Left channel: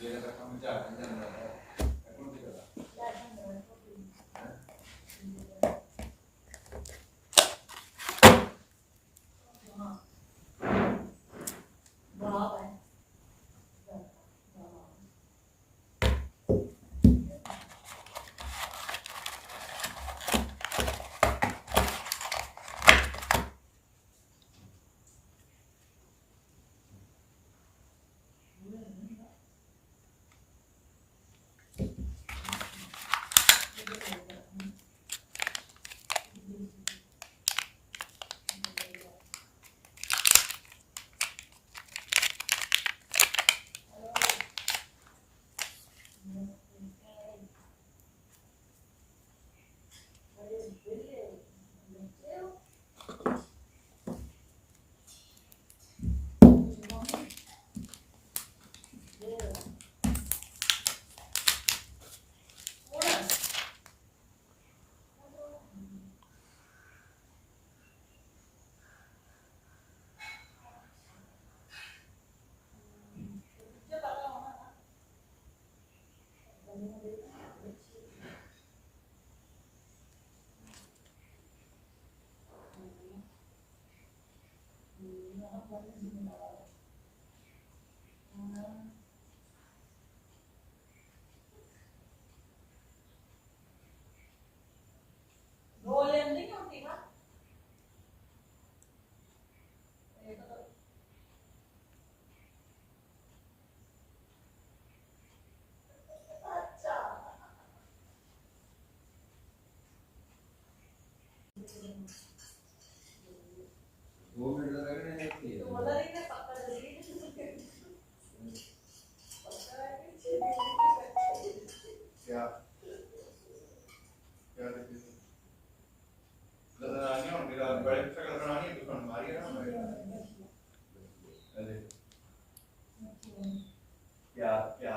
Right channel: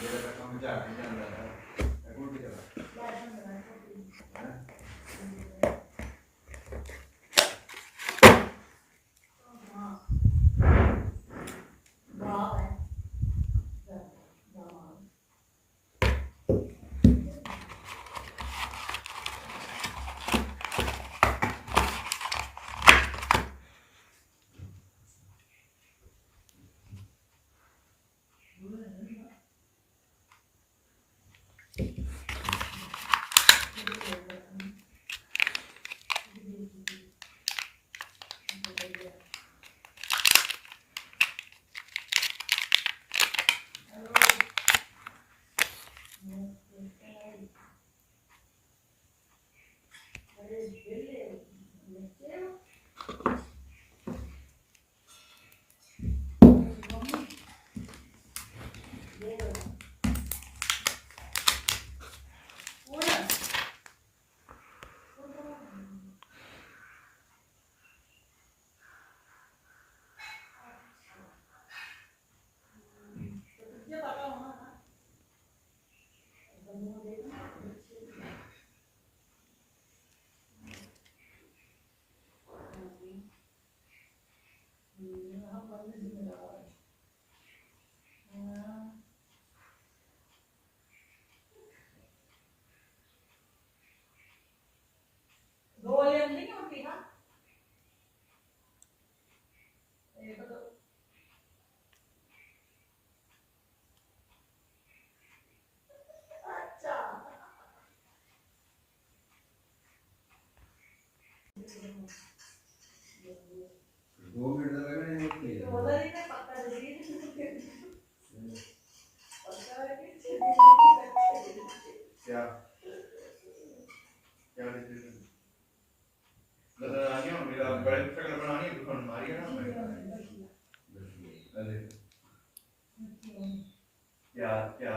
ਜਿਹੜਾ ਤਾਂ ਕੰਮ ਝਾੜ ਨਹੀਂ ਜਾਂਦਾ ਹੈ ਅਗੋਂ ਵੀ ਕਰਾ दो मिनट लगने क्या क्या बनानी है मेरा बड़े शक्ल बनानी है दुकान मारी है ना अरे क्या क्या